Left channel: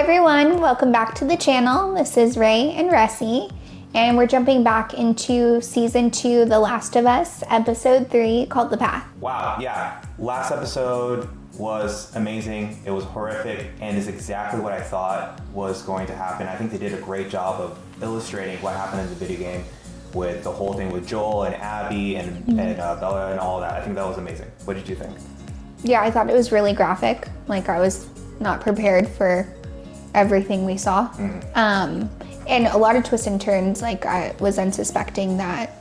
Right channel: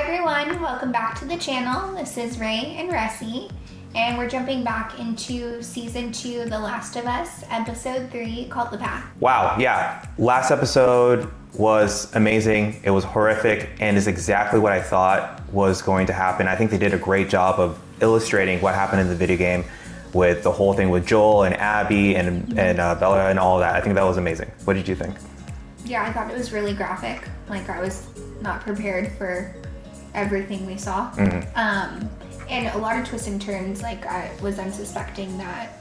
Hi everyone, welcome back to the channel. This is Rae and Rxssi, and we're jumping back into season 2, The Last of Us, episode 3, called The Path. Wow, yeah. Last episode was amazing. It was horrific and is exactly what I thought was going to happen. I think they did a great job of illustrating what happened in the video game with the whole thing with Joel and Abby and Bella and all of that. I think that was amazing. What did you think? Yeah, I thought it was really graphic. Like, I was not prepared for everything we saw. And a lot of twists and turns. Like, I was unsuspecting that,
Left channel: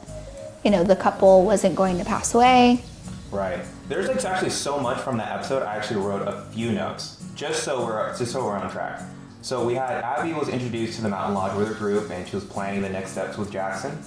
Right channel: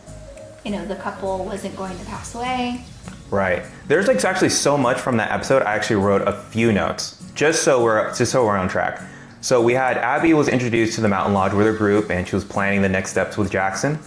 you know, the couple wasn't going to pass away. Right. There's like actually so much from that episode. I actually wrote a few notes just so we're on track. So we had Abby was introduced to the mountain lodge with her group, and she was planning the next steps with Jackson.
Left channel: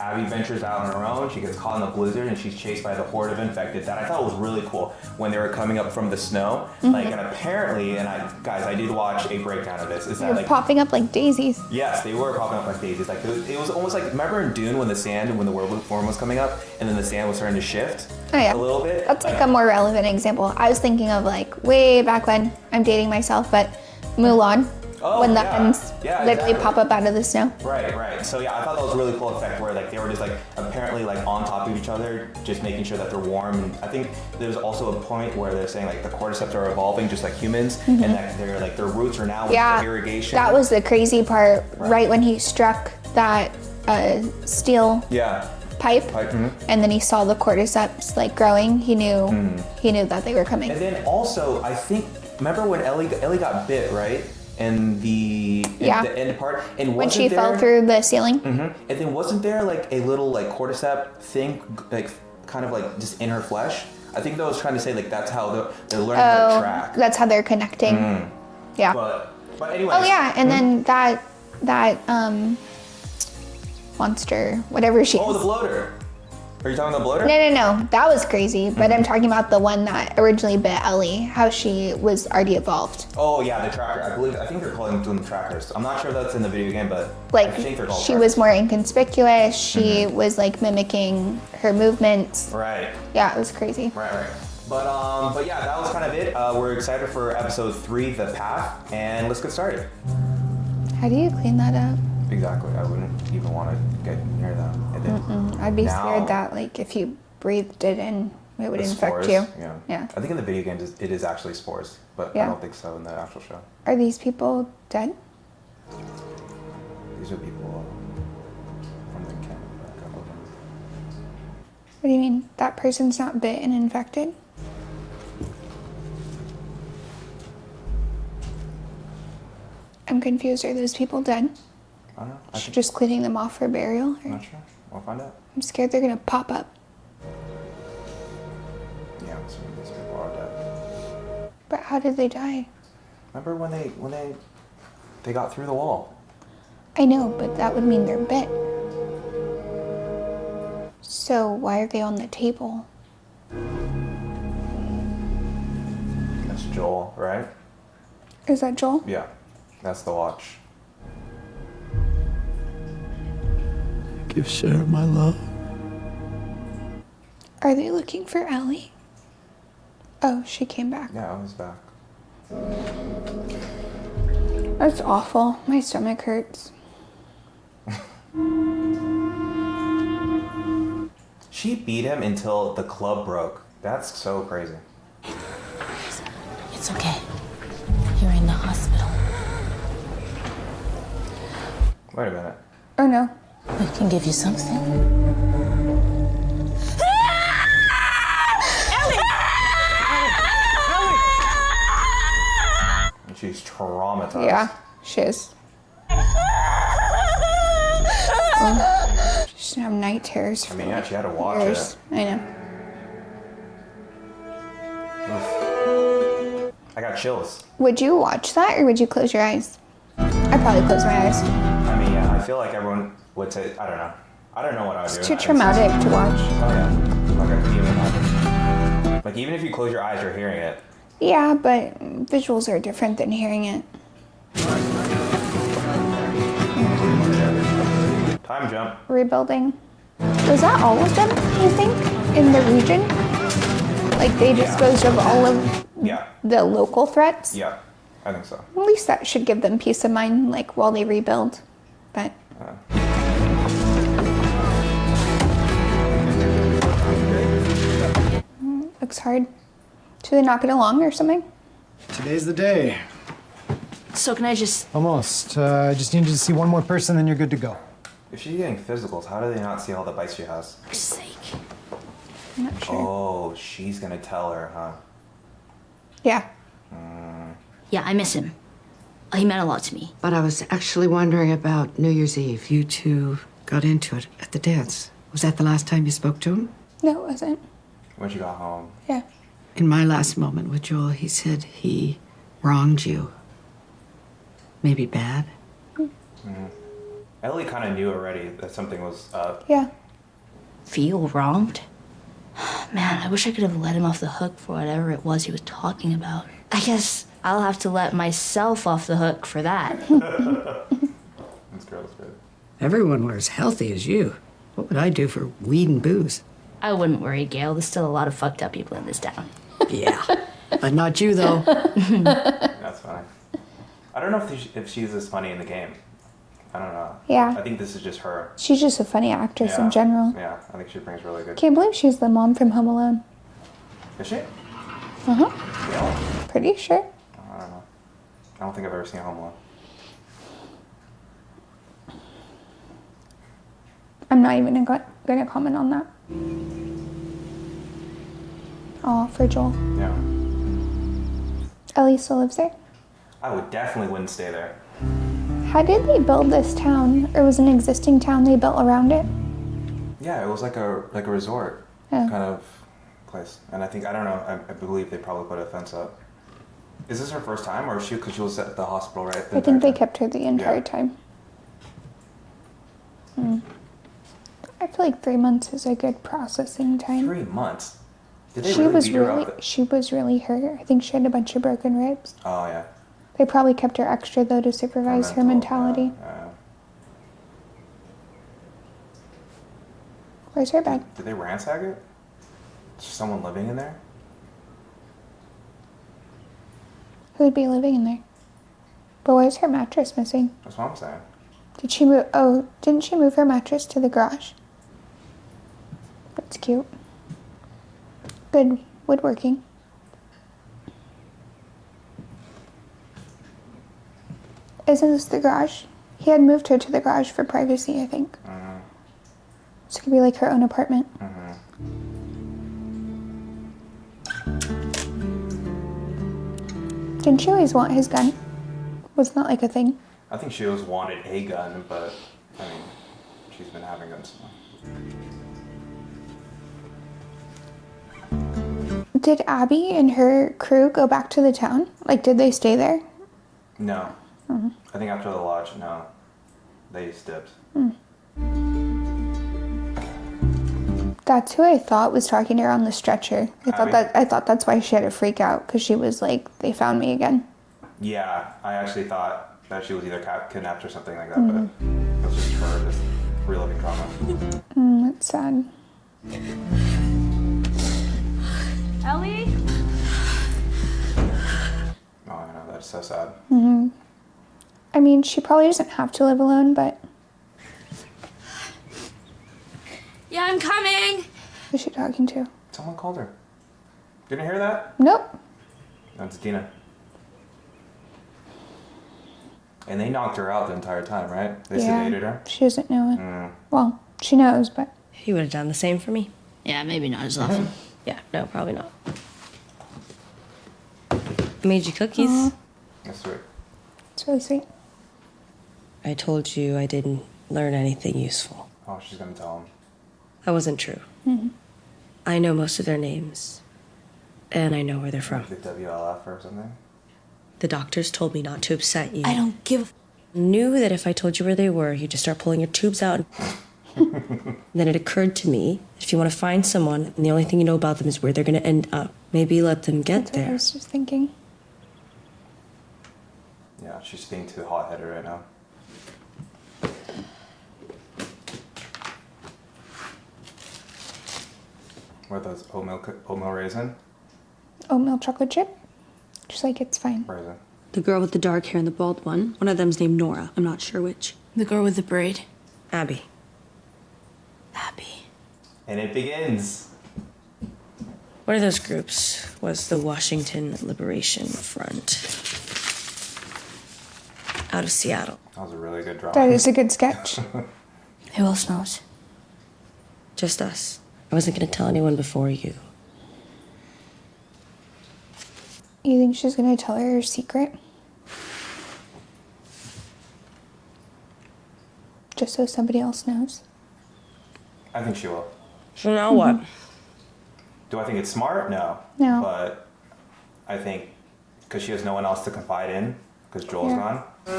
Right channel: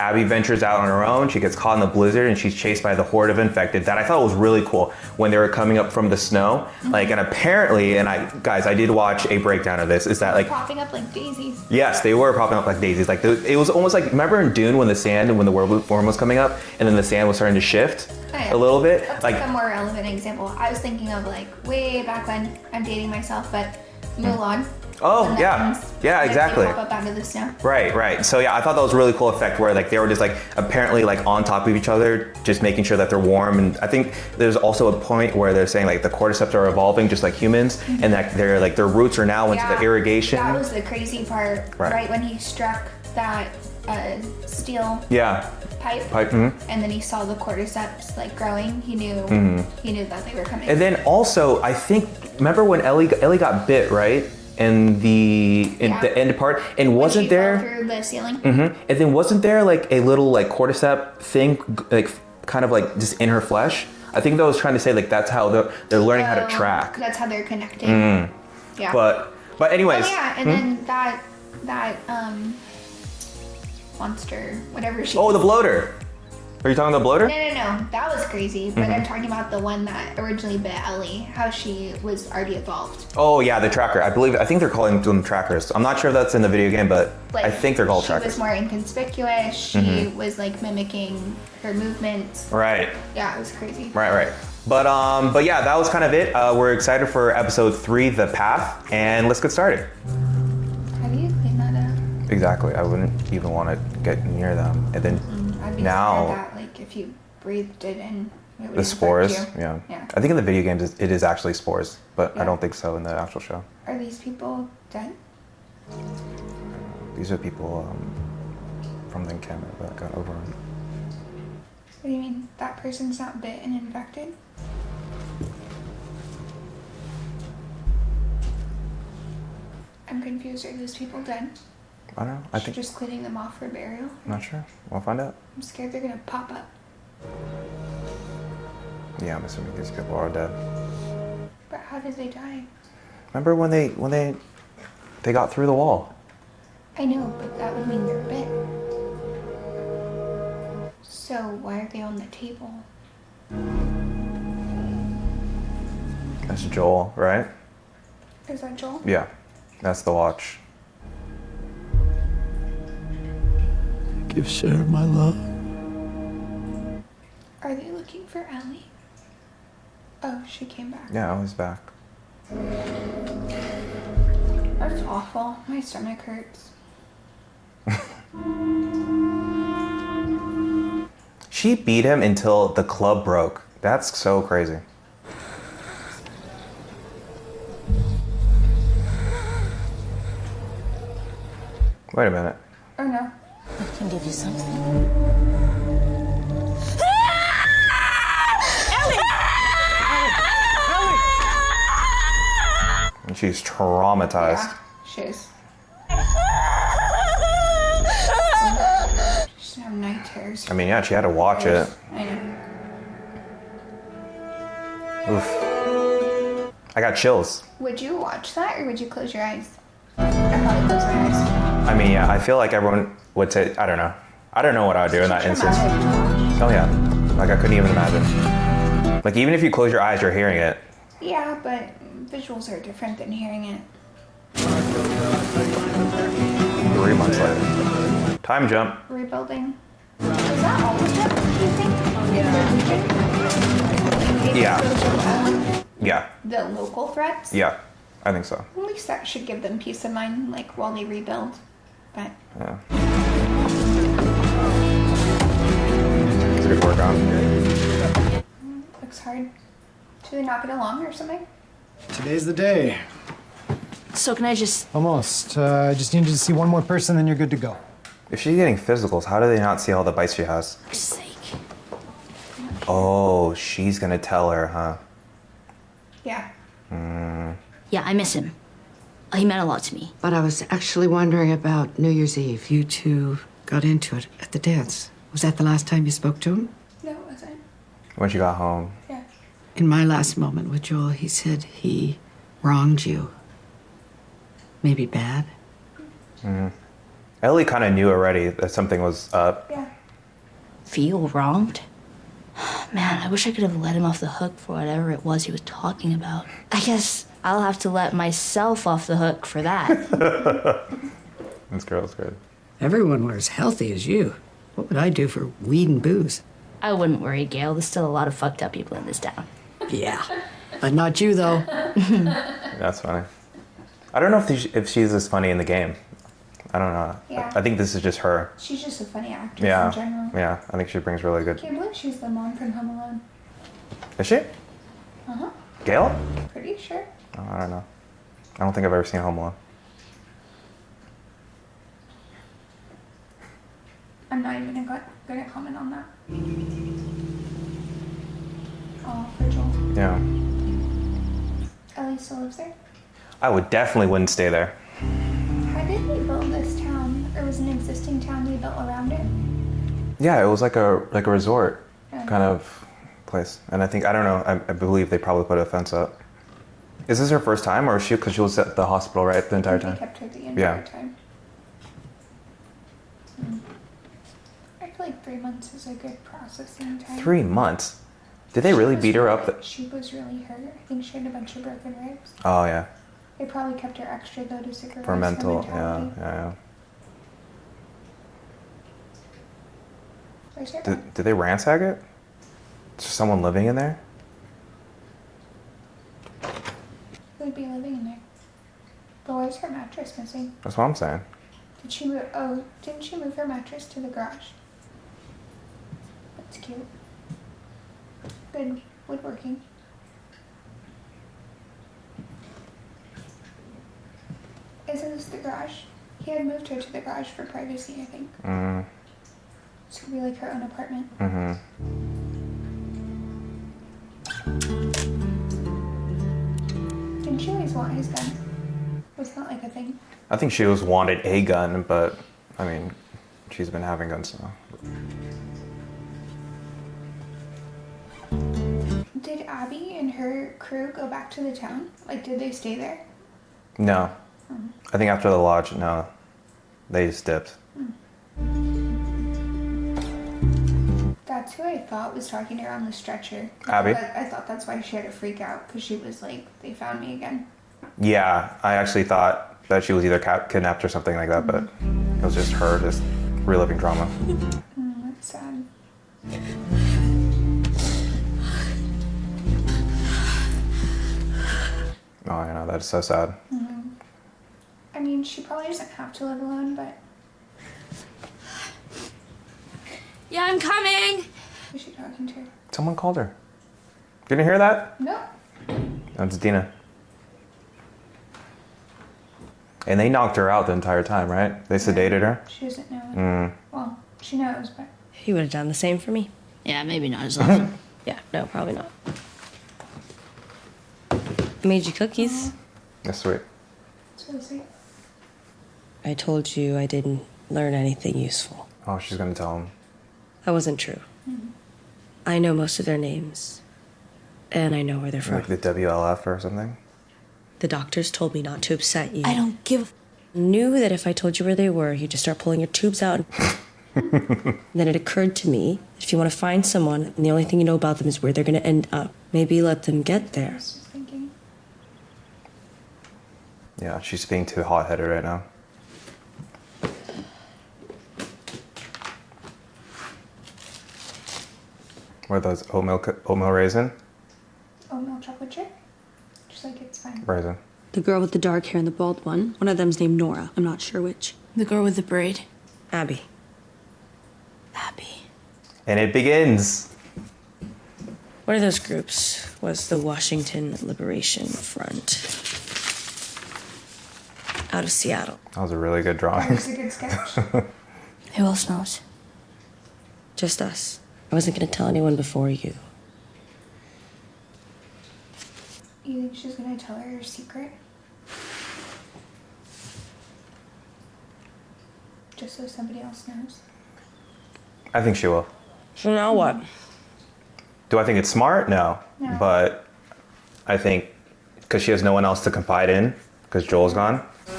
Abby ventures out on her own. She gets caught in the blizzard and she's chased by the horde of infected. That I thought was really cool when they were coming up from the snow. Like, and apparently, and I did watch a breakdown of this. Is that like popping up like daisies? Yes, they were popping up like daisies. Like it was almost like, remember in Dune when the werewolf form was coming up and then the sand was starting to shift a little bit? That's like a more relevant example. I was thinking of like way back when, I'm dating myself, but Mulan. Oh, when the yeah. ends, Exactly. They pop up out of the snow. Right. So yeah, I thought that was a really cool effect where like they were just like apparently like on top of each other, just making sure that they're warm. And I think there's also a point where they're saying like the cordyceps are evolving just like humans, and that they're like their roots are now into the irrigation. That was the crazy part, right when he struck that steel pipe, and then he saw the cordyceps like growing. He knew that they were coming. And then also, I think, remember when Ellie got bit, right? In the end part, and when she fell through the ceiling. And then wasn't there like a little like cordyceps thing, like kind of like just in her flesh? I think that was trying to say like that's how they're learning how to track. That's how they're connecting. Yeah. But anyways. Oh yeah, and then that monster, whatever she. Oh, the bloater. Are you talking about the bloater? No. That was crazy. But I'm talking about the one that originally bit Ellie, how she was already evolved. Oh yeah, the tracker. I think they're calling them trackers. I'm not sure if that's in the video game, but like, I think they're called trackers. She was more inconspicuous. She was like mimicking her movements. Right. Yeah, it was crazy. Right. But yeah, that was kind of it. We're excited for episode 3, The Path, and let's get started. How do you clean that up? Exactly. I wouldn't even want to get near them. And then I'd be scared that like if you breathed it in, it would infect spores, you. Yeah. I think in the video games it is actually spores, but I don't think so in the actual show. Are these people dead? These are people from the camp that got over. What do you mean? That person's not bit and infected? I'm confused. Are those people dead? I don't know. I think just cleaning them off for burial? I'm not sure. We'll find out. I'm scared they're gonna pop up. Yeah, I'm assuming these people are dead. But how did they die? Remember when they got through the wall? I know, but that would mean they're bit. So why are they on the table? That's Joel, right? Is that Joel? Yeah, that's the watch. Give Sarah my love. Are they looking for Ellie? Oh, she came back. Yeah, I was back. That's awful. My stomach hurts. She beat him until the club broke. That's so crazy. It's okay. You're in the hospital. Wait a minute. Oh no. We can give you something. And she's traumatized. Yeah, she is. She's gonna have night terrors. I mean, yeah, she had to watch it. I know. Oof. I got chills. Would you watch that or would you close your eyes? I'd probably close my eyes. I mean, yeah, I feel like everyone would say, I don't know. I don't know what I would do in that It's too instance. traumatic to watch. Oh yeah, like I couldn't even imagine. Like even if you close your eyes, you're hearing it. Yeah, but visuals are different than hearing it. Time jump. Rebuilding. Is that all of them, you think, in the region? Like they disposed of all of Yeah. the local threats? Yeah. I think so. At least that should give them peace of mind, like, while they rebuild. But... Looks hard. Should they not get along or something? Today's the day. So can I just... Almost. I just need you to see one more person, then you're good to go. If she's getting physicals, how do they not see all the bites she has? For sake. Oh, she's gonna tell her, huh? Yeah. Yeah, I miss him. He meant a lot to me. But I was actually wondering about New Year's Eve. You two got into it at the dance. Was that the last time you spoke to him? No, it wasn't. When she got home. Yeah. In my last moment with Joel, he said he wronged you. Maybe bad. Ellie kind of knew already that something was up. Yeah. Feel wronged? Man, I wish I could have let him off the hook for whatever it was he was talking about. I guess I'll have to let myself off the hook for that. This girl's good. Everyone were as healthy as you. What would I do for weed and booze? I wouldn't worry, Gail. There's still a lot of fucked up people in this town. Yeah. But not you, though. That's funny. I don't know if she's as funny in the game. I don't know. Yeah. I think this is just her. She's just a funny actress Yeah. in general. Yeah, I think she brings really good. Can't believe she's the mom from Home Alone. Is she? Uh-huh. Gail? Pretty sure. Oh, I don't know. I don't think I've ever seen Home Alone. I'm not even gonna comment on that. Oh, for Joel. Yeah. Ellie still lives there. I would definitely wouldn't stay there. How did they build this town? Or was an existing town they built around it? Yeah, it was like a resort Yeah. kind of place. And I think, I don't know, I believe they probably put a fence up. Is this her first time, or is she, because she was at the hospital, right, the I entire think they time? kept her the entire Yeah. time. I feel like 3 months is a good processing time. 3 months? Did they She really was beat her really- up? She was really hurt. I think she had a bunch of broken ribs. Oh, yeah. They probably kept her extra though to For supervise her mentality. Yeah. Where's her bed? Did they ransack it? Is there someone living in there? Who'd be living in there? But where's her mattress missing? That's what I'm saying. Did she move? Oh, didn't she move her mattress to the garage? That's cute. Good woodworking. Isn't this the garage? He had moved her to the garage for privacy, I think. So it could be like her own apartment. Didn't she always want his gun? Wasn't that like a thing? I think she always wanted a gun, but, I mean, she's been having guns now. Did Abby and her crew go back to the town? Like, did they stay there? No. I think after the lodge, no. They just dipped. That's who I thought was talking to her on the stretcher. Abby? I thought that's why she had a freak out, because she was like, they found me again. Yeah, I actually thought that she was either kidnapped or something like that, but it was just her just reliving trauma. That's sad. Ellie? Oh, I know, that's so sad. I mean, she probably doesn't have to live alone, but Yeah, I'm coming. who's she talking to? Someone called her. Didn't you hear that? Nope. That's Dina. And they knocked her out the entire time, right? They Yeah. sedated her. She doesn't know it. Well, she knows, but He would have done the same for me. Yeah, maybe not as often. Yeah, no, probably not. I made you cookies. That's sweet. it's really sweet. I told you I didn't learn anything useful. Oh, she's gonna tell him. That wasn't true. I know most of their names, and I know where they're from. Like the WLF or something. The doctors told me not to upset you. I don't give Knew that if I told you where they were, you'd just start pulling your tubes out. Then it occurred to me, if you want to find someone, and the only thing you know about them is where they're going to end up, maybe let them get I there. was just thinking. Yeah, she's being too hot-headed right now. What are those oatmeal raisin? Oatmeal chocolate chip? Just like it's fine. Raisin. The girl with the dark hair and the bald one. One of them's named Nora. I'm not sure which. The girl with the braid. Abby. Abby. And it begins. One of those groups was the Washington Liberation Front. Out of Seattle. That was a really good That drawing. is a good sketch. Who else knows? Just us. I wasn't gonna tell anyone before you. You think she's gonna tell her secret? Just so somebody else knows. I think she will. So now what? Do I think it's smart? No. No. But I think because she has no one else to confide in, because Joel's gone. Do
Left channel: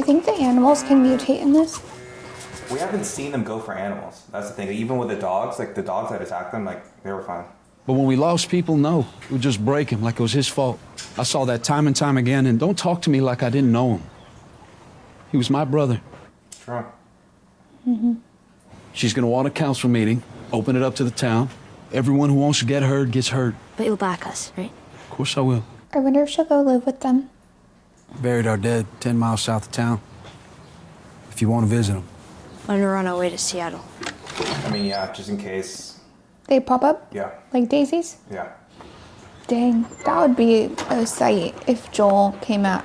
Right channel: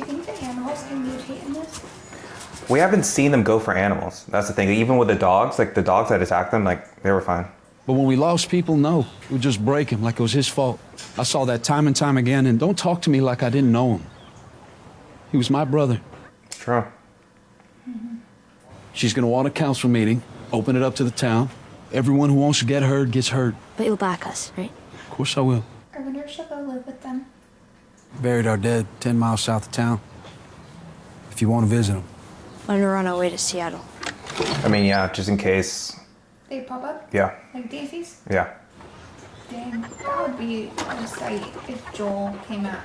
you think the animals can mutate in this? We haven't seen them go for animals. That's the thing. Even with the dogs, like the dogs that attacked them, like they were fine. But when we lost people, no. We would just break him like it was his fault. I saw that time and time again, and don't talk to me like I didn't know him. He was my brother. Sure. She's gonna want a council meeting, open it up to the town. Everyone who wants to get heard gets heard. But you'll back us, right? Of course I will. I wonder if she'll go live with them. Buried our dead 10 miles south of town. If you want to visit them. When we're on our way to Seattle. I mean, yeah, just in case. They pop up Yeah. like daisies? Yeah. Dang, that would be a sight if Joel came back.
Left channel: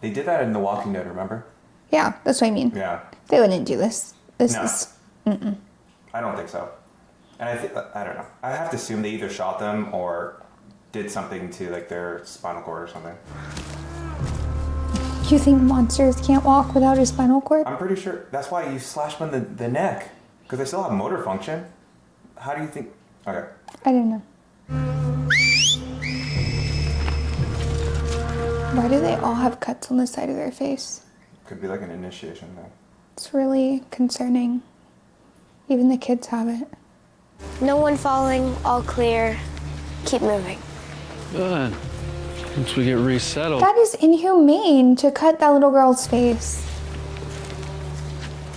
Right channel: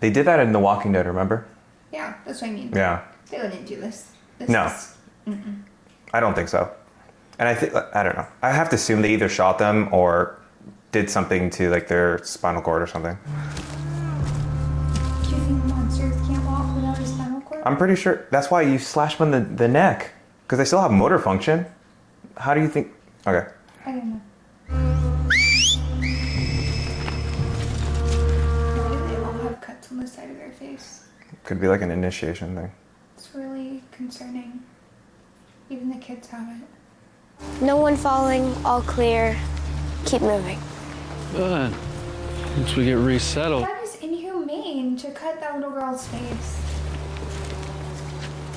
They did that in The Walking Dead, remember? Yeah, that's what I mean. Yeah. They wouldn't do this. This No. is... I don't think so. And I don't know. I have to assume they either shot them or did something to like their spinal cord or something. Do you think monsters can't walk without a spinal cord? I'm pretty sure that's why you slash them in the neck, because they still have motor function. How do you think? Okay. I don't know. Why do they all have cuts on the side of their face? Could be like an initiation thing. It's really concerning. Even the kids have it. No one falling, all clear. Keep moving. Good. Once we get resettled. That is inhumane to cut that little girl's face.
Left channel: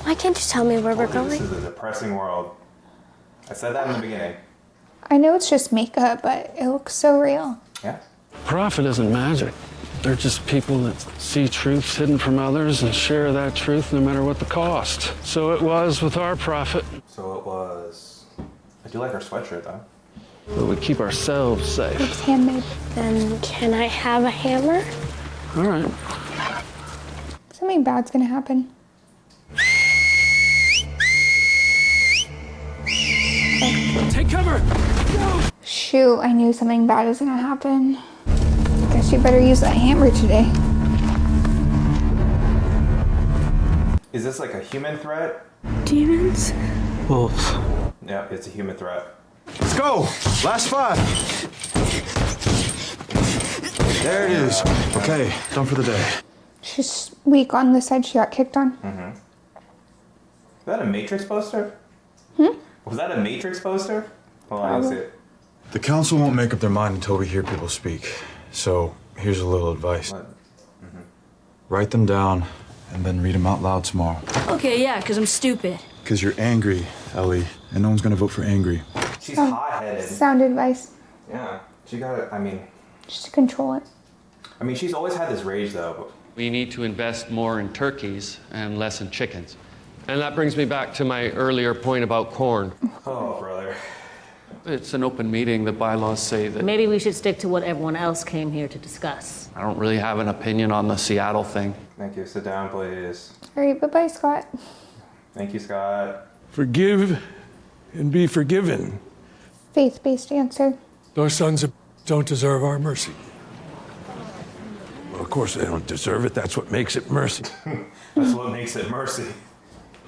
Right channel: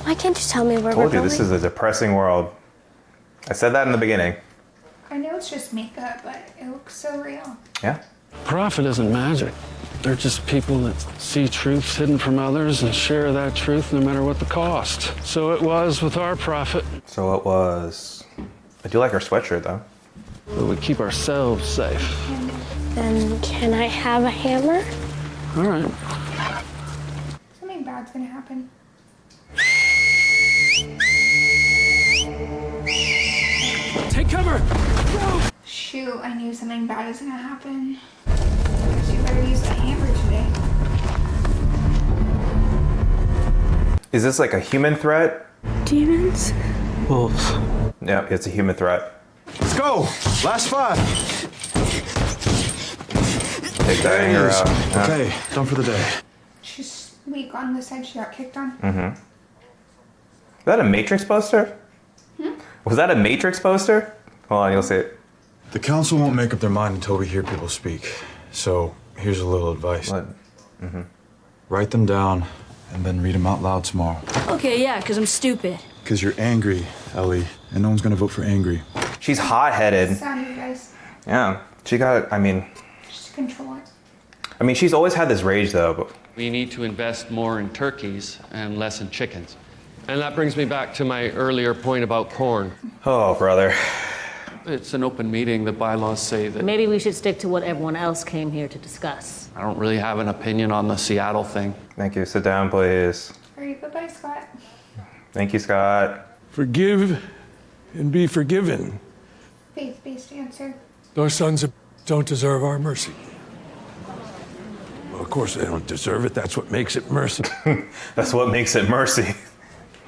Why can't you tell me where we're Told you, going? this is a depressing world. I said that in the beginning. I know it's just makeup, but it looks so real. Yeah. Prophet isn't magic. They're just people that see truths hidden from others and share that truth no matter what the cost. So it was with our prophet. So it was. I do like her sweatshirt though. But we keep ourselves safe. Handmade. Then can I have a hammer? All right. Something bad's gonna happen. Take cover! Shoot, I knew something bad was gonna happen. Guess you better use that hammer today. Is this like a human threat? Demons? Wolves. Yeah, it's a human threat. Let's go! Last 5. There it is. Okay, done for the day. She's weak on the side she got kicked on. Is that a Matrix poster? Was that a Matrix poster? Hold on, you'll see it. The council won't make up their mind until we hear people speak. So here's a little advice. What? Write them down and then read them out loud tomorrow. Okay, yeah, because I'm stupid. Because you're angry, Ellie, and no one's gonna vote for angry. She's hot-headed. Sound advice. Yeah, she got. I mean, Just to control it. she's always had this rage though. But We need to invest more in turkeys and less in chickens. And that brings me back to my earlier point about corn. oh, brother. It's an open meeting. The bylaws say that Maybe we should stick to what everyone else came here to discuss. I don't really have an opinion on the Seattle thing. Thank you. Sit down, please. All right, bye-bye, Scott. Thank you, Scott. Forgive and be forgiven. Faith-based answer. Those sons don't deserve our mercy. Well, of course they don't deserve it. That's what makes it mercy. That's what makes it mercy.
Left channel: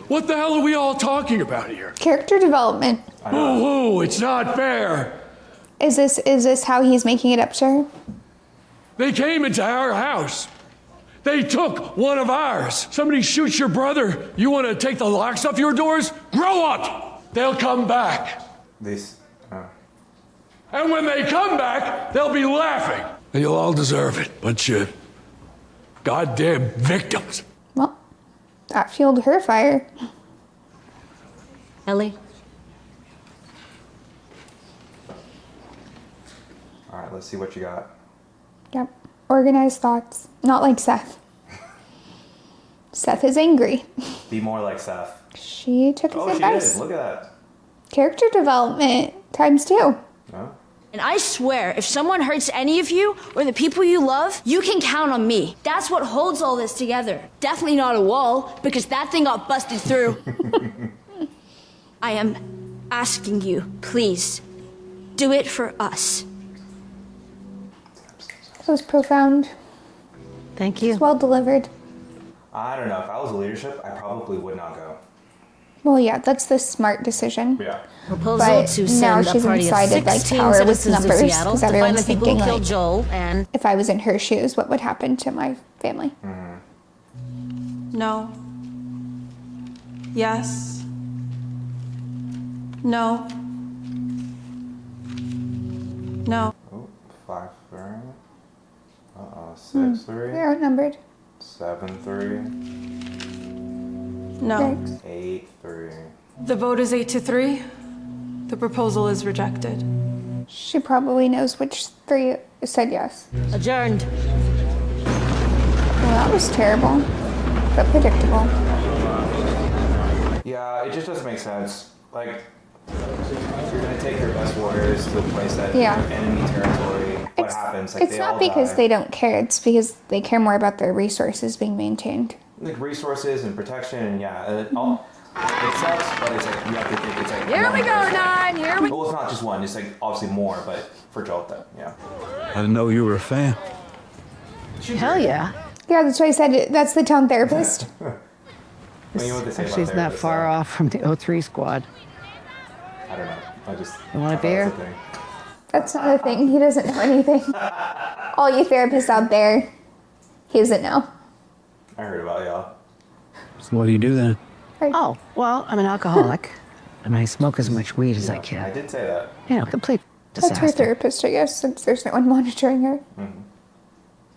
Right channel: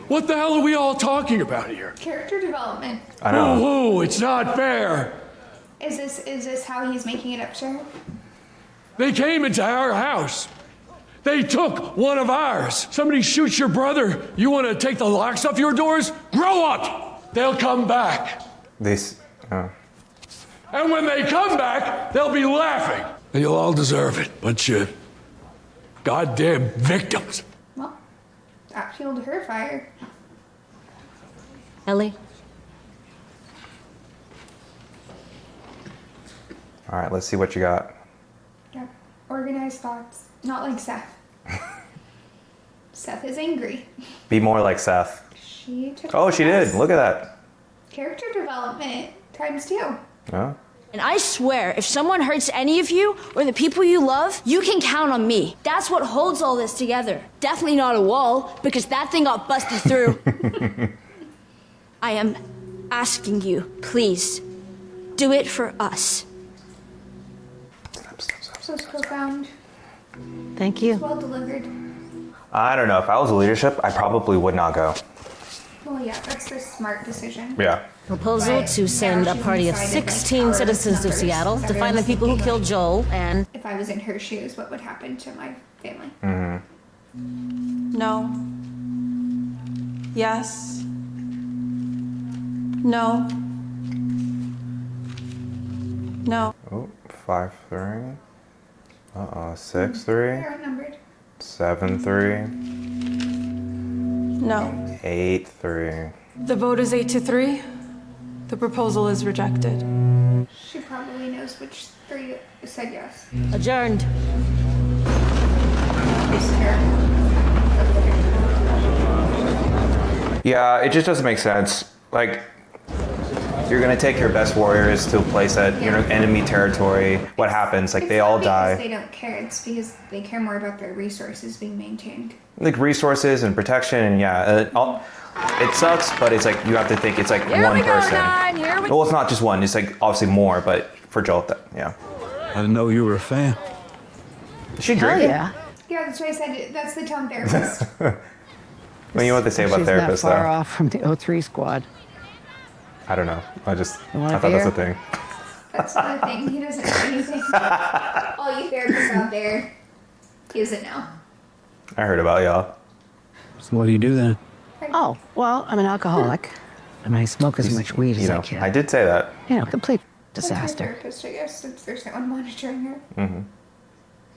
What the hell are we all talking about here? Character development. I know. Boo-hoo, it's not fair. Is this how he's making it up to her? They came into our house. They took one of ours. Somebody shoots your brother. You want to take the locks off your doors? Grow up. They'll come back. These. And when they come back, they'll be laughing. And you'll all deserve it. Bunch of goddamn victims. Well, that fueled her fire. Ellie? All right, let's see what you got. Yep. Organized thoughts. Not like Seth. Seth is angry. Be more like Seth. She took Oh, his she advice. did. Look at that. Character development times 2. Oh. And I swear, if someone hurts any of you or the people you love, you can count on me. That's what holds all this together. Definitely not a wall, because that thing got busted through. I am asking you, please, do it for us. So it's profound. Thank you. It's well delivered. I don't know. If I was leadership, I probably would not go. Well, yeah, that's the smart decision. Yeah. Proposal But to send now a she's party of decided, like, 16 power with citizens to numbers, Seattle 'cause to find the everyone's people who thinking, killed like, Joel and... If I was in her shoes, what would happen to my family? No. Yes. No. No. Oh, 5-3. 6-3. You're outnumbered. 7-3. No. 8-3. The vote is 8-3. The proposal is rejected. She probably knows which 3 said yes. Adjourned. That was terrible, but predictable. Yeah, it just doesn't make sense. Like, you're gonna take your best warriors to a place that Yeah. enemy territory. What happens? Like, It's they not all because die. they don't care. It's because they care more about their resources being maintained. Like resources and protection, and yeah, it sucks. But it's like you have to think it's like Here one we go, person. 9. Here we go. Well, it's not just one. It's like obviously more, but for Joel, yeah. I didn't know you were a fan. Hell yeah. Yeah, that's why I said that's the town therapist. Well, you know what they say about She's not therapists, far though. off from the O3 squad. I don't know. I just You want a I thought beer? that's the thing. That's not a thing. He doesn't know anything. All you therapists out there, he doesn't know. I heard about y'all. So what do you do then? Oh, well, I'm an alcoholic. And I smoke as much weed as I I can. did say that. You know, complete That's her disaster. therapist, I guess, since there's no one monitoring her.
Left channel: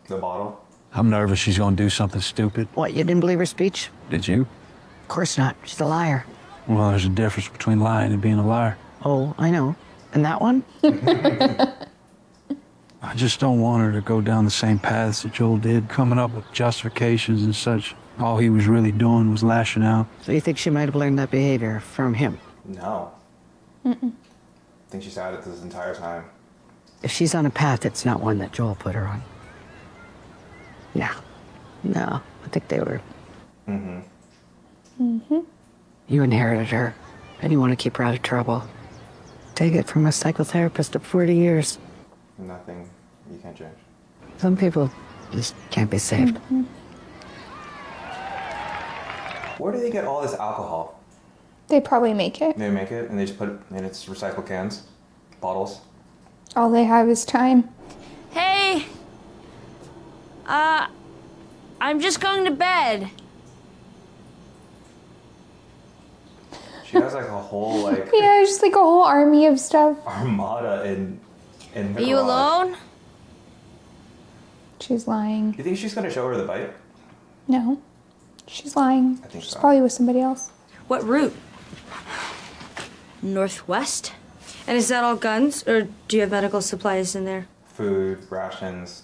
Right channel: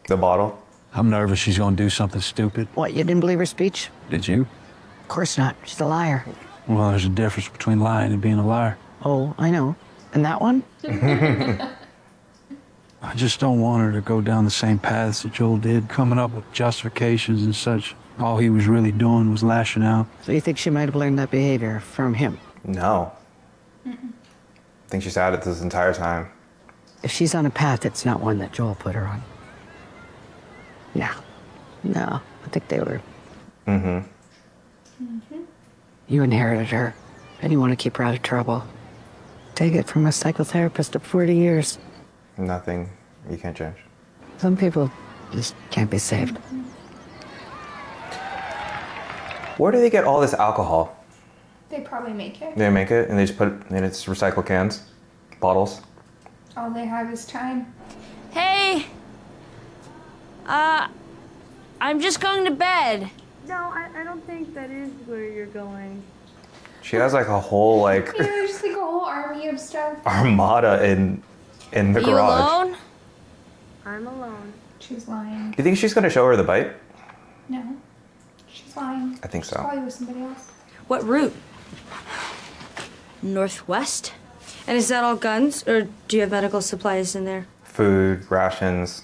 The bottle. I'm nervous she's gonna do something stupid. What, you didn't believe her speech? Did you? Of course not. She's a liar. Well, there's a difference between lying and being a liar. Oh, I know. And that one? I just don't want her to go down the same paths that Joel did, coming up with justifications and such. All he was really doing was lashing out. So you think she might have learned that behavior from him? No. I think she's had it this entire time. If she's on a path, it's not one that Joel put her on. No. No. I think they were... You inherited her, and you want to keep her out of trouble. Take it from a psychotherapist of 40 years. Nothing you can't change. Some people just can't be saved. Where do they get all this alcohol? They probably make it. They make it and they just put it in its recycled cans, bottles. All they have is time. Hey! I'm just going to bed. No, I don't think that is where you're going. She has like a whole like Yeah, just like a whole army of stuff. armada in the Are garage. you alone? I'm alone. She's lying. Do you think she's gonna show her the bite? No. She's lying. I think She's so. probably with somebody else. What route? Northwest? And is that all guns, or do you have medical supplies in there? Food, rations,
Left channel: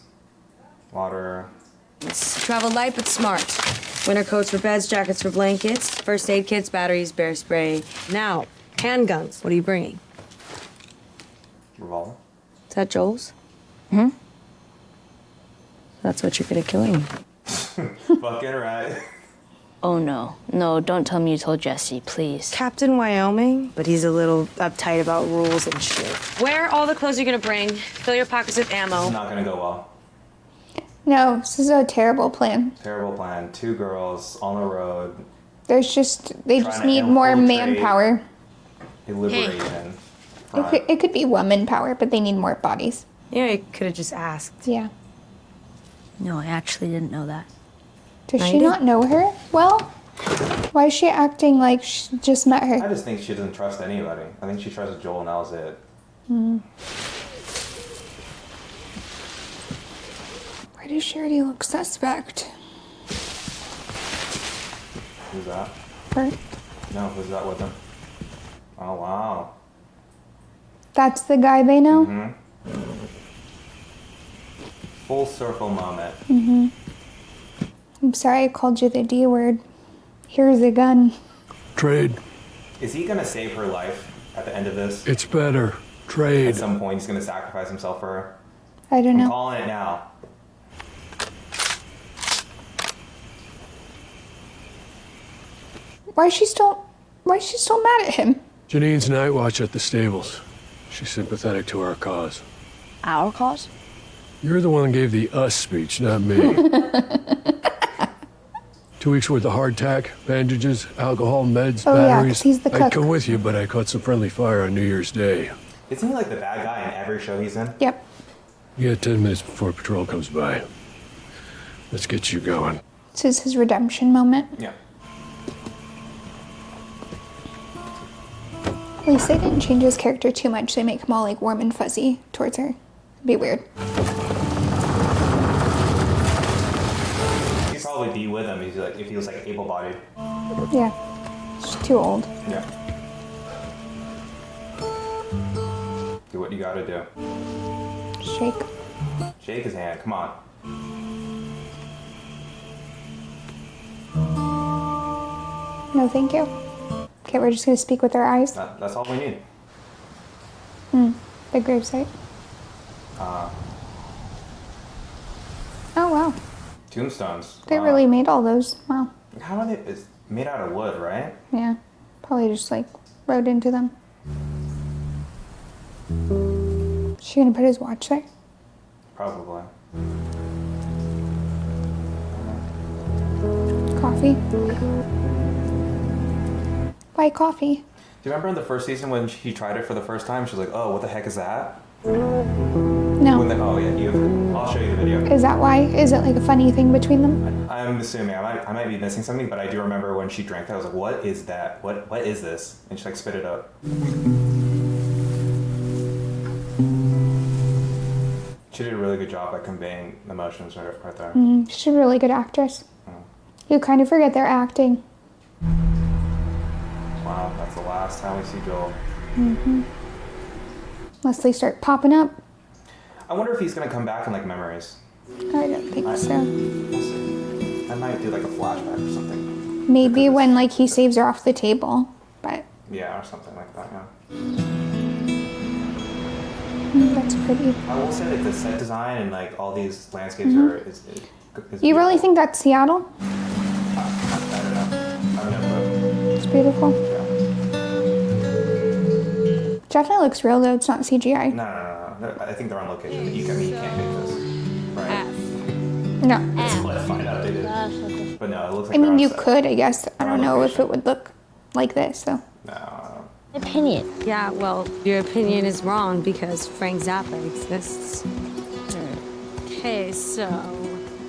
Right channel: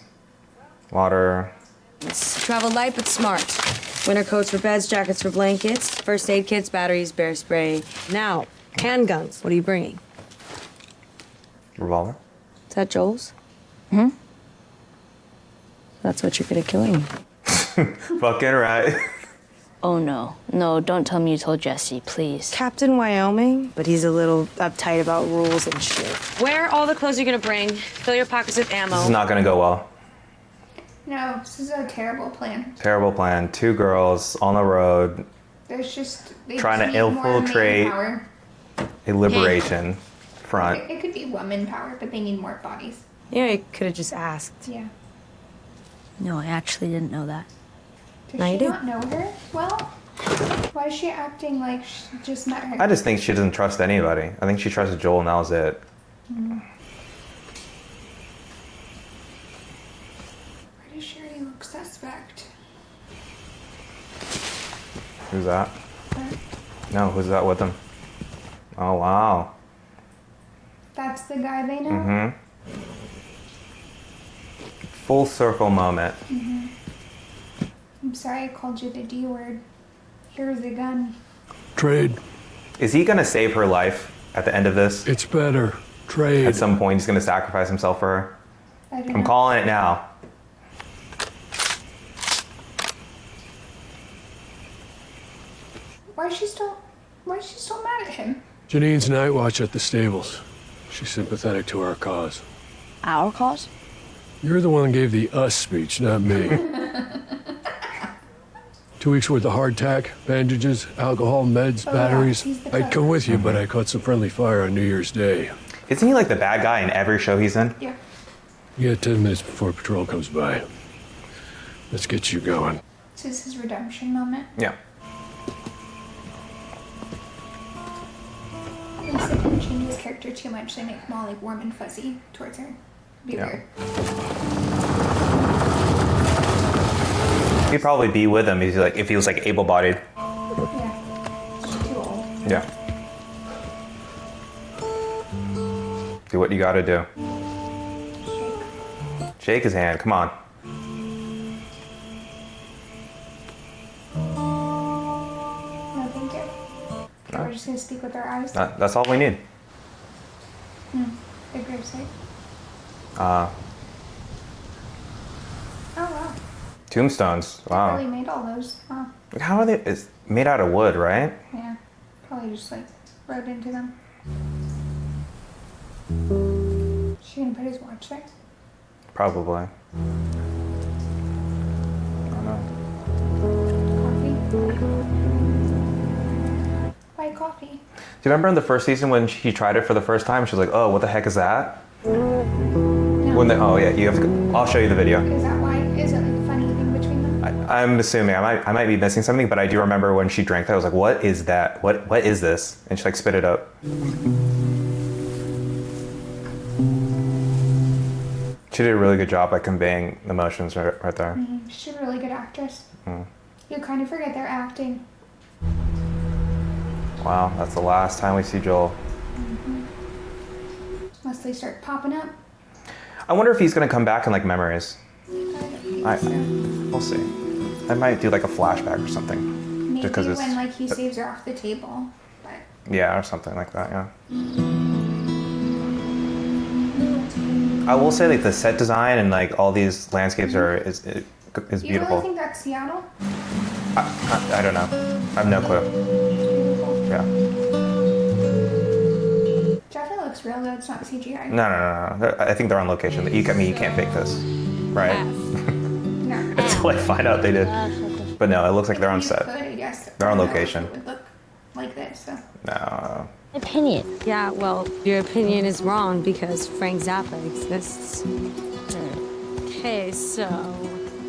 water. Travel light but smart. Winter coats for beds, jackets for blankets, first aid kits, batteries, bear spray. Now, handguns. What are you bringing? Revolver. Is that Joel's? That's what you're good at killing. Fucking right. Oh, no. No, don't tell me you told Jesse, please. Captain Wyoming, but he's a little uptight about rules and shit. Wear all the clothes you're gonna bring. Fill your pockets with ammo. This is not gonna go well. No, this is a terrible plan. Terrible plan. 2 girls on the road. They Trying just to need more infiltrate. manpower. A liberation front. It could be woman power, but they need more bodies. Yeah, you could have just asked. Yeah. No, I actually didn't know that. Does I she do. not know her? Well, why is she acting like she just met her? I just think she doesn't trust anybody. I think she trusted Joel and that was it. Why does she already look suspect? Who's that? Her? No, who's that with him? Oh, wow. That's the guy they know? full circle moment. Mm-hmm. I'm sorry I called you the D word. Here's a gun. Trade. Is he gonna save her life at the end of this? It's better. Trade. At some point, he's gonna sacrifice himself for her. I don't know. I'm calling it now. Why is she still mad at him? Janine's night watch at the stables. She's sympathetic to our cause. Our cause? You're the one that gave the us speech, not me. 2 weeks worth of hardtack, bandages, alcohol, meds, batteries. he's the I'd cook. come with you, but I caught some friendly fire on New Year's Day. Isn't he like the bad guy in every show he's in? Yep. You got 10 minutes before patrol comes by. Let's get you going. This is his redemption moment. Yeah. At least they didn't change his character too much. They make him all like warm and fuzzy towards her. It'd be weird. He'd probably be with him if he was like able-bodied. Yeah. She's too old. Yeah. Do what you gotta do. Shake. Shake his hand, come on. No, thank you. Okay, we're just gonna speak with our eyes. That's all we need. The gravesite. Uh, Oh wow. tombstones. They Wow. really made all those. Wow. How are they? It's made out of wood, right? Yeah. Probably just like wrote into them. Is she gonna put his watch there? Probably. Coffee? Why coffee? Do you remember in the first season when he tried it for the first time? She was like, "Oh, what the heck is that?" No. Oh yeah, you have to. I'll show you the video. Is that why? Is it like a funny thing between them? I'm assuming I might be missing something, but I do remember when she drank that. I was like, "What is that? What is this?" And she like spit it up. She did a really good job at conveying emotions right there. She's a really good actress. You kind of forget they're acting. Wow, that's the last time we see Joel. Unless they start popping up. I wonder if he's gonna come back in like memories. I don't think so. We'll see. I might do like a flashback or something. Maybe Because when like he saves her off the table, but Yeah, or something like that. Yeah. that's pretty. I will say like the set design and like all these landscapes is beautiful. You really think that's Seattle? I don't know. I have no clue. It's beautiful. Yeah. Definitely looks real though. It's not CGI. No. I think they're on location. You can't fake this, right? No. Until I find out they did. But no, it looks like I they're mean, on you set. could, I guess. They're I on don't know if location. it would look like this. So. No. Opinion. Yeah, well, your opinion is wrong because Frank Zappa exists. Okay, so,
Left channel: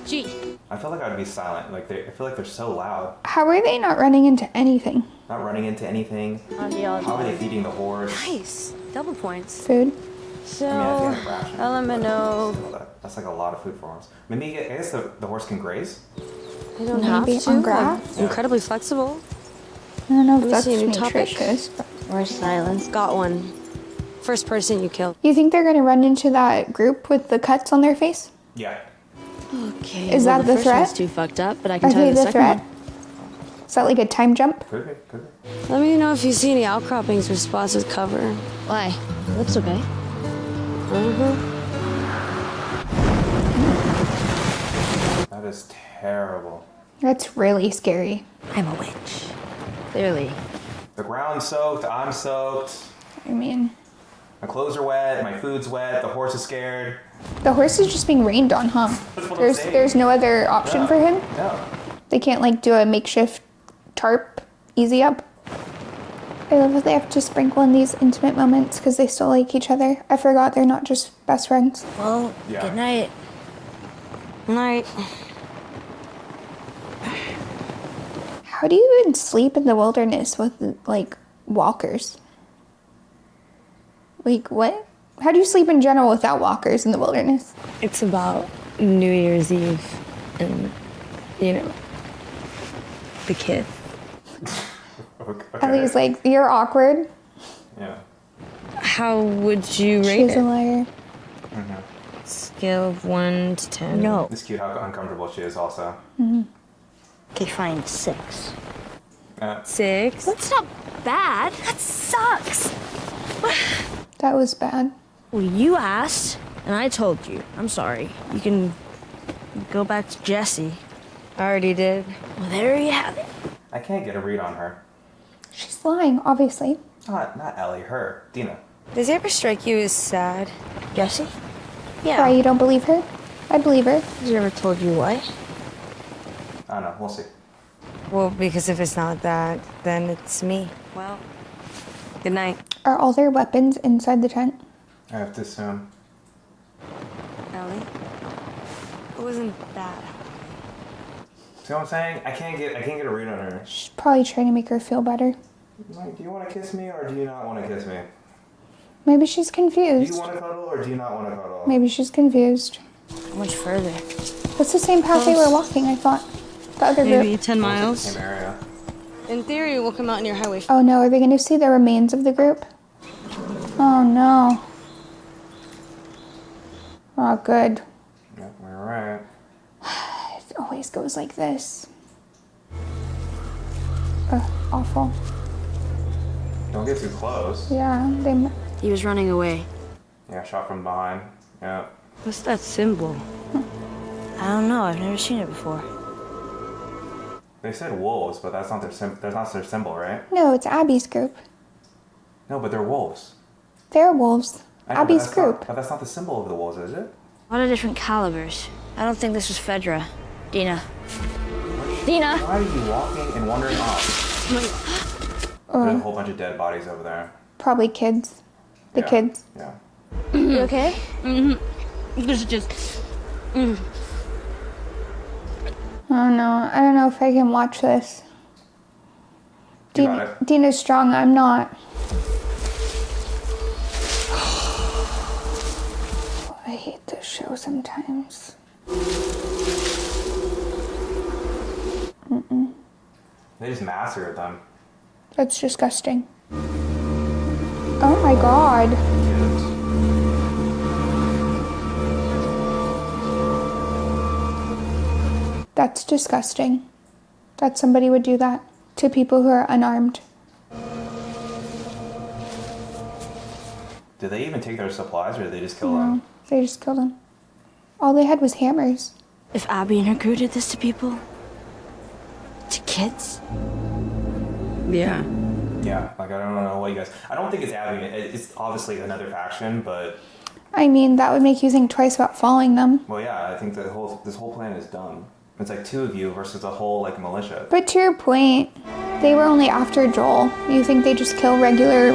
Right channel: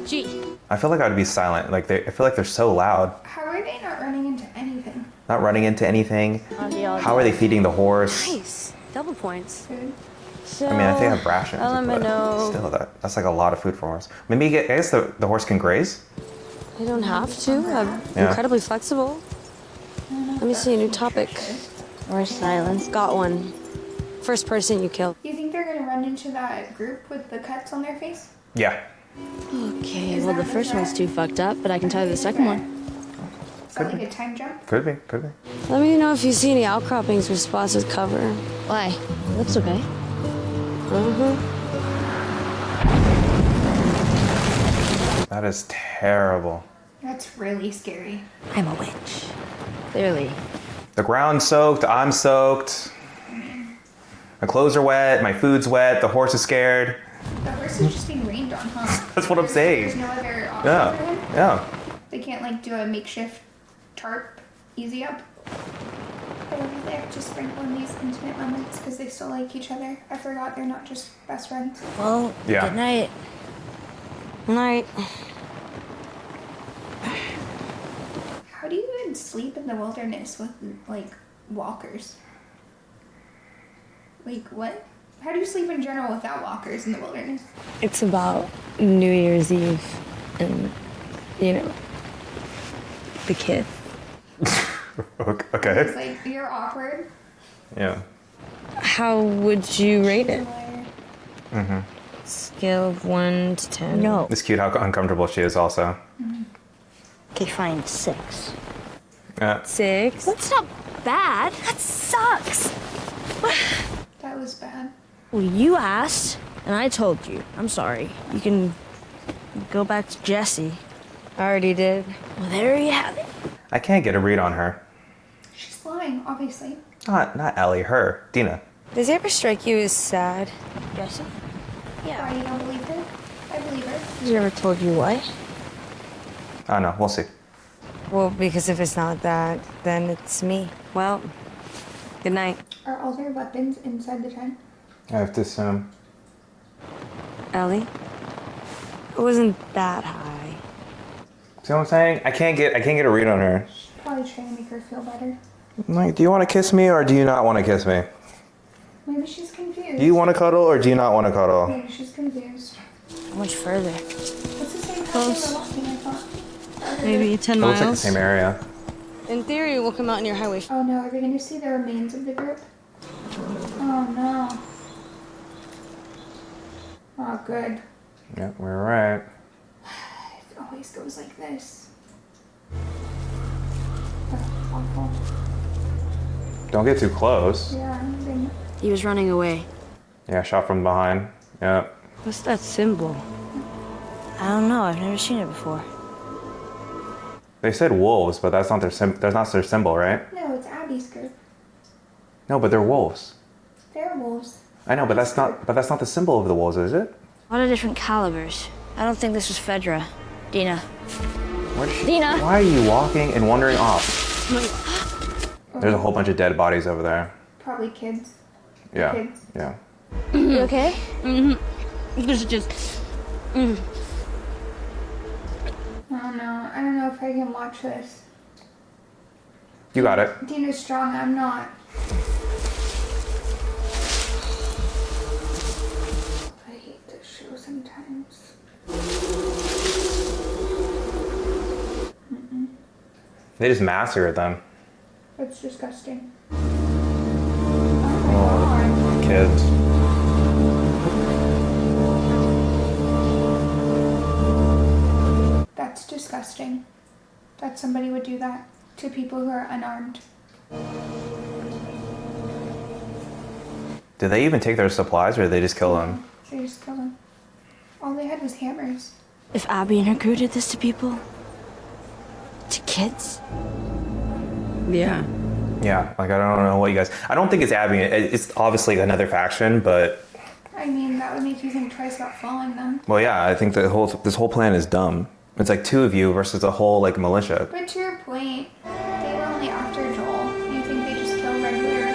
G. I feel like I would be silent. Like I feel like they're so loud. How are they not running into anything? Not running into anything. How are they feeding the horse? Nice. Double points. Food. So, I mean, I think I have rations. element but of... Still, that's like a lot of food for a horse. Maybe I guess the horse can graze. I don't have Maybe to. on I'm grass? Yeah. incredibly flexible. I don't know if Let me that's see a new topic. nutritious. Or silence. Got one. First person you killed. You think they're gonna run into that group with the cuts on their face? Yeah. Okay, Is well, that the the first threat? one's too fucked up, but I can Or tell you who's the the second threat? one. Is that like a time jump? Could be. Let me know if you see any outcroppings or spots with cover. Why? Looks okay. That is terrible. That's really scary. I'm a witch. Clearly. The ground's soaked. I'm soaked. I mean, My clothes are wet. My food's wet. The horse is scared. the horse is just being rained on, huh? That's what I'm saying. There's no other option Yeah. for him? Yeah. They can't like do a makeshift tarp easy up? I love that they have to sprinkle in these intimate moments because they still like each other. I forgot they're not just best friends. Well, Yeah. good night. Night. How do you even sleep in the wilderness with like walkers? Like what? How do you sleep in general without walkers in the wilderness? It's about New Year's Eve and, you know, the kid. I Okay. was like, you're awkward. Yeah. How would you rate She's a it? liar. scale of 1 to 10. No. It's cute how uncomfortable she is also. Okay, fine, 6. 6? That's not bad. That sucks. That was bad. Well, you asked, and I told you. I'm sorry. You can go back to Jesse. I already did. Well, there you have it. I can't get a read on her. She's lying, obviously. Not Ellie, her. Dina. Does it ever strike you as sad? Jesse? Why, you don't believe her? I believe her. Has she ever told you why? Oh no, we'll see. Well, because if it's not that, then it's me. Well, good night. Are all their weapons inside the tent? I have to assume. Ellie? It wasn't that high. See what I'm saying? I can't get a read on her. She's probably trying to make her feel better. Like, do you want to kiss me or do you not want to kiss me? Maybe she's confused. Do you want to cuddle or do you not want to cuddle? Maybe she's confused. How much further? That's the same path they were walking, I thought. The other Maybe group. 10 Looks like miles. the same area. In theory, we'll come out near Highway. Oh no, are they going to see the remains of the group? Oh no. Oh, good. Yeah, we're right. It always goes like this. Ugh, awful. Don't get too close. Yeah, they... He was running away. Yeah, shot from behind. Yeah. What's that symbol? I don't know. I've never seen it before. They said wolves, but that's not their symbol, right? No, it's Abby's group. No, but they're wolves. They're wolves. I know, Abby's group. but that's not the symbol of the wolves, is it? A lot of different calibers. I don't think this was Fedra. Dina. Dina! Why are you walking and wandering off? Oh, There's a whole bunch of dead bodies over there. probably kids. The Yeah. kids. Yeah. You okay? Mm-hmm. This is just... Oh no, I don't know if I can watch this. You got it. Dina's strong, I'm not. I hate this show sometimes. They just massacred them. That's disgusting. Oh my god. Kids. That's disgusting. That somebody would do that to people who are unarmed. Did they even take their supplies or did they just kill them? They just killed them. All they had was hammers. If Abby and her crew did this to people, to kids, Yeah. Yeah, like I don't know what you guys... I don't think it's Abby. It's obviously another faction, but... I mean, that would make you think twice about following them. Well, yeah, I think this whole plan is dumb. It's like two of you versus a whole like militia. But to your point, they were only after Joel. You think they just kill regular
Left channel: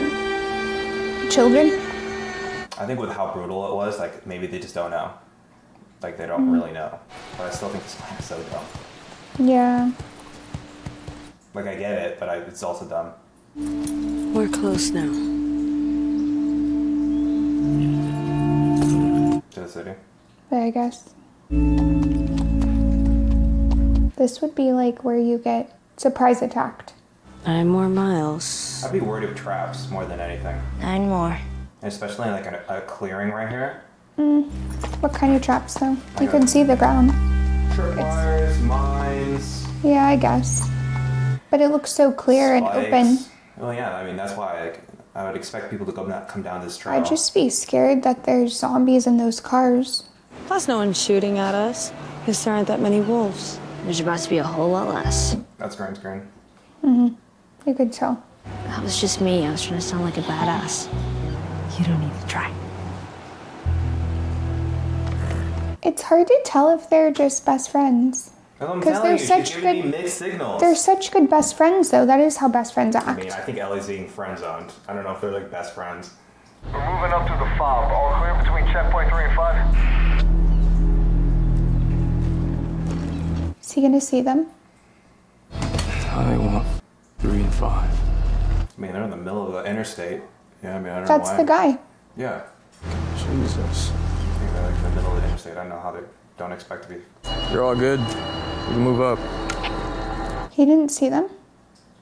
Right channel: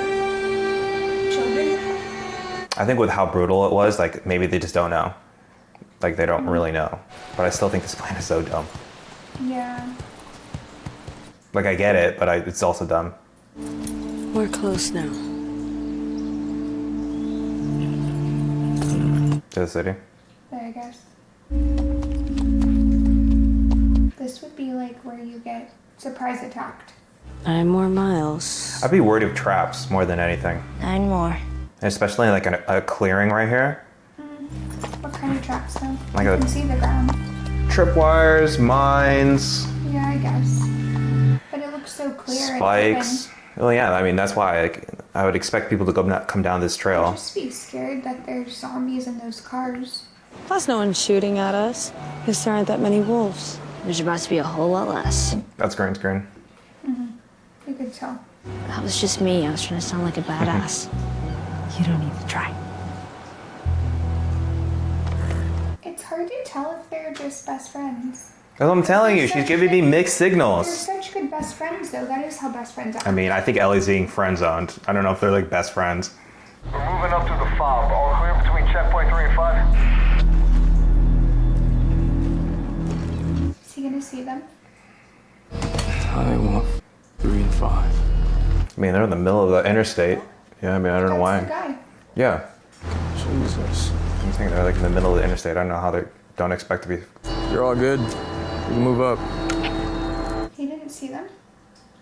children? I think with how brutal it was, like maybe they just don't know. Like they don't really know. But I still think this plan is so dumb. Yeah. Like I get it, but it's also dumb. We're close now. To the city. There, I guess. This would be like where you get surprise attacked. 9 more miles. I'd be worried of traps more than anything. 9 more. And especially like a clearing right here. What kind of traps, though? Like You a- can see the ground. Tripwires, mines, Yeah, I guess. But it looks so clear and open. spikes. Well, yeah, I mean, that's why I would expect people to come down this trail. I'd just be scared that there's zombies in those cars. Plus, no one's shooting at us, because there aren't that many wolves. There's about to be a whole lot less. That's green screen. You could tell. That was just me. I was trying to sound like a badass. You don't need to try. It's hard to tell if they're just best friends. That's what I'm 'Cause telling they're you. She's such giving me good- mixed signals. They're such good best friends, though. That is how best friends act. I mean, I think Ellie's being friend zoned. I don't know if they're like best friends. We're moving up to the fob. All clear between checkpoint 3 and 5. Is he gonna see them? I want 3 and 5. I mean, they're in the middle of the interstate. Yeah, I mean, I don't know That's why. the guy. Yeah. Jesus. I think they're like in the middle of the interstate. I don't know how they don't expect to be. You're all good. We can move up. He didn't see them.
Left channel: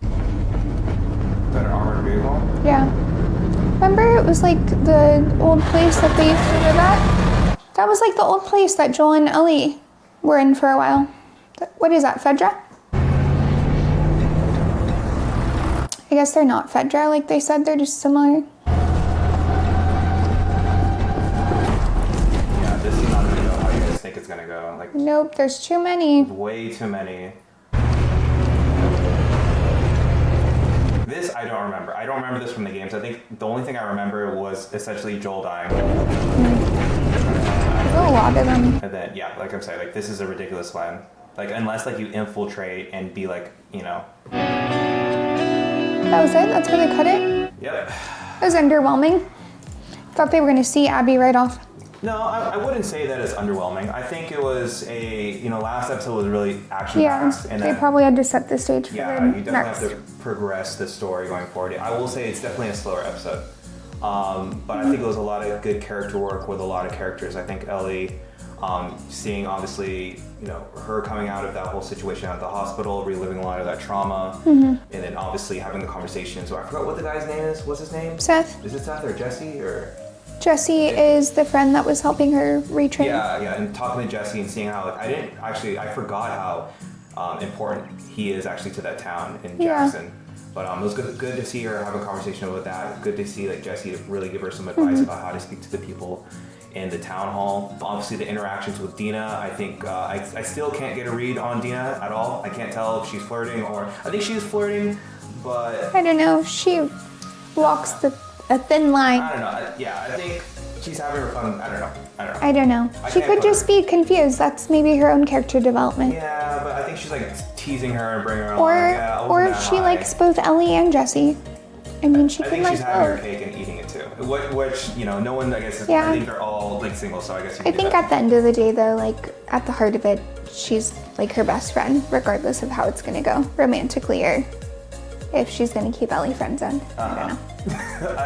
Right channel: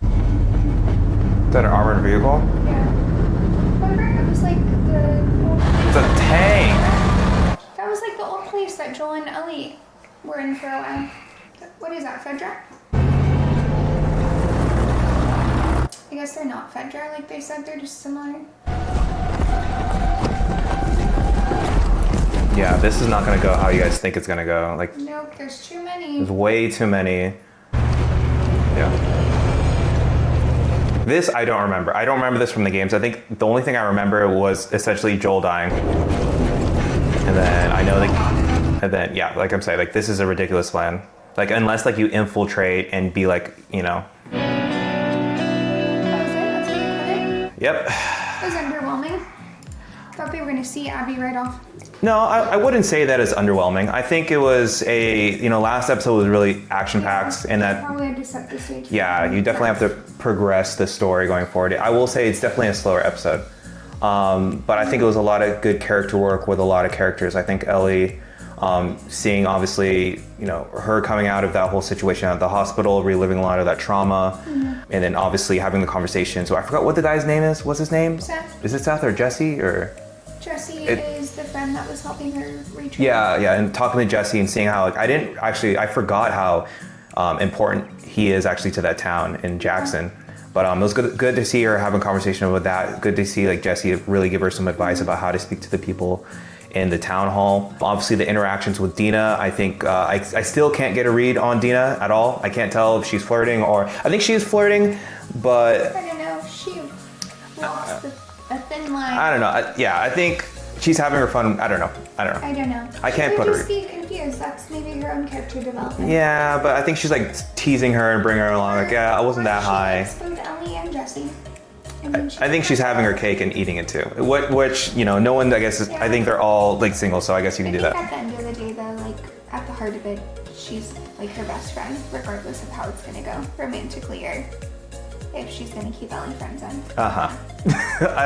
Is that an armored vehicle? Yeah. Remember, it was like the old place that they were at? That was like the old place that Joel and Ellie were in for a while. What is that, Fedra? I guess they're not Fedra, like they said, they're just similar. Yeah, this is not gonna go how you guys think it's gonna go. Like, nope, there's too many. There's way too many. Yeah. This I don't remember. I don't remember this from the games. I think the only thing I remember was essentially Joel dying. And then I know, like, and then yeah, like I'm saying, like this is a ridiculous plan. Like unless like you infiltrate and be like, you know. That was it? That's how they cut it? Yep. It was underwhelming. Thought they were gonna see Abby right off. No, I wouldn't say that it's underwhelming. I think it was last episode was really action-packed. Yeah, and they probably had to set the stage. Yeah, you definitely have to progress the story going forward. I will say it's definitely a slower episode. But I think it was a lot of good character work with a lot of characters. I think Ellie, seeing obviously, her coming out of that whole situation at the hospital, reliving a lot of that trauma, and then obviously having the conversation. So I forgot what the guy's name is. What's his name? Seth. Is it Seth or Jesse or? Jesse is the friend that was helping her retrain. Yeah, and talking to Jesse and seeing how, I forgot how important he is actually to that town in Jackson. But it was good to see her having a conversation with that. Good to see like Jesse really give her some advice about how to speak to the people in the town hall. Obviously the interactions with Dina, I think, I still can't get a read on Dina at all. I can't tell if she's flirting or, I think she is flirting, but. I don't know, she walks a thin line. I don't know, I think she's having her fun, I don't know. I don't know. She could just be confused. That's maybe her own character development. Yeah, but I think she's like teasing her and bringing her along. Like, yeah, I wasn't that high. Or she likes both Ellie and Jesse. I mean, I think she's having her cake and eating it too. Which, no one, I guess, I think they're all like single, so I guess you can do that. I think at the end of the day though, like at the heart of it, she's like her best friend, regardless of how it's gonna go, romantically or if she's gonna keep Ellie friend zoned. I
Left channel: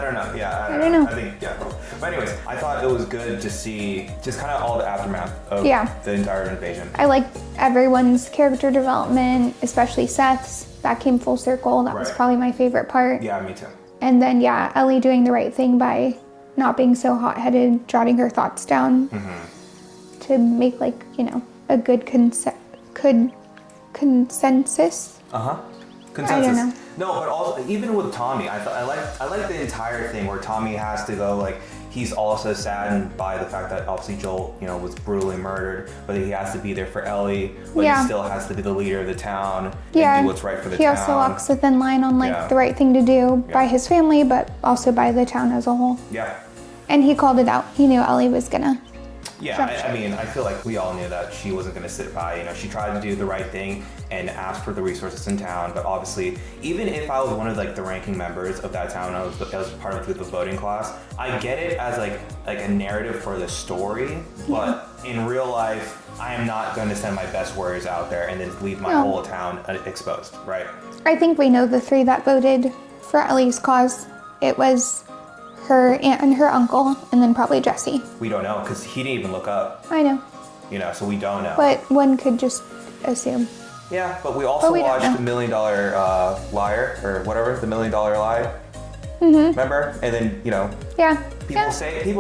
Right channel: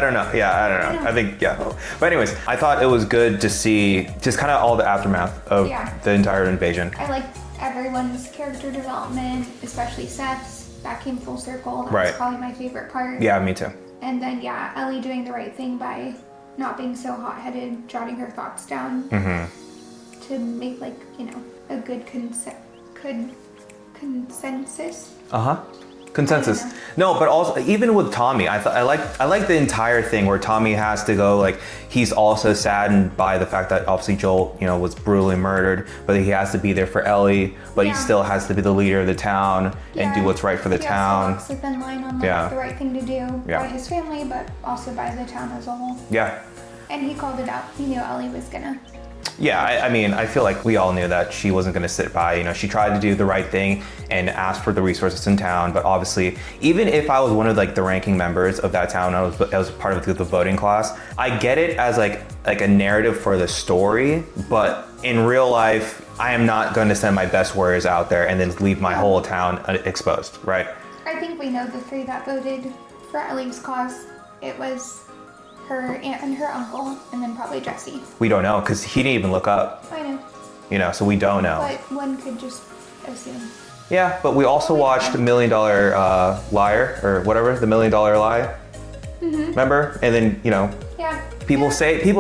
don't know. Yeah, I don't know. I think, yeah. But anyways, I thought it was good to see just kind of all the aftermath of the entire invasion. I liked everyone's character development, especially Seth's. That came full circle. That was probably my favorite part. Yeah, me too. And then, Ellie doing the right thing by not being so hot-headed, jotting her thoughts down to make, like, a good consensus. Consensus. No, but also even with Tommy, I like the entire thing where Tommy has to go, like, he's also saddened by the fact that obviously Joel, was brutally murdered, but he has to be there for Ellie, but he still has to be the leader of the town and do what's right for the town. He also walks a thin line on the right thing to do by his family, but also by the town as a whole. Yeah. And he called it out. He knew Ellie was gonna. Yeah, I mean, I feel like we all knew that she wasn't going to sit by. She tried to do the right thing and ask for the resources in town. But obviously, even if I was one of like the ranking members of that town, I was part of the voting class. I get it as like a narrative for the story, but in real life, I am not going to send my best warriors out there and then leave my whole town exposed, right? I think we know the three that voted for Ellie's cause. It was her aunt and her uncle, and then probably Jesse. We don't know, because he didn't even look up. I know. So we don't know. But one could just assume. Yeah, but we also watched $1 Million Liar, or whatever, The $1 Million Lie. Remember? And then, people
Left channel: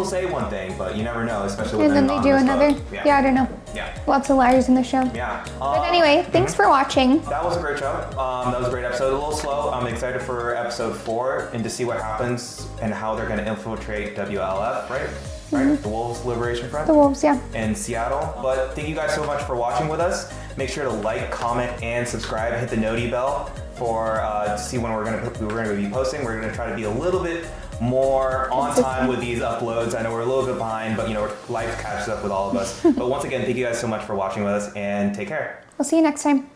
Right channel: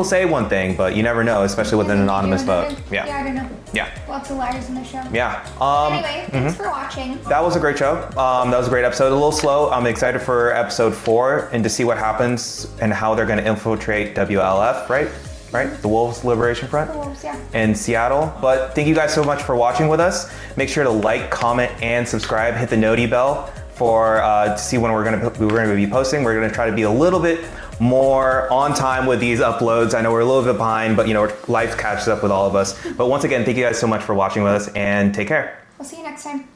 say one thing, but you never know, especially with an anonymous vote. Yeah, I don't know. Yeah. Lots of liars in the show. Yeah. But anyway, thanks for watching. That was a great show. That was a great episode. A little slow. I'm excited for episode 4 and to see what happens and how they're going to infiltrate WLF, right? The Wolves Liberation Front? The Wolves, yeah. In Seattle. But thank you guys so much for watching with us. Make sure to like, comment, and subscribe. Hit the noti bell for to see when we're gonna be posting. We're gonna try to be a little bit more on time with these uploads. I know we're a little bit behind, but life catches up with all of us. But once again, thank you guys so much for watching with us, and take care. We'll see you next time.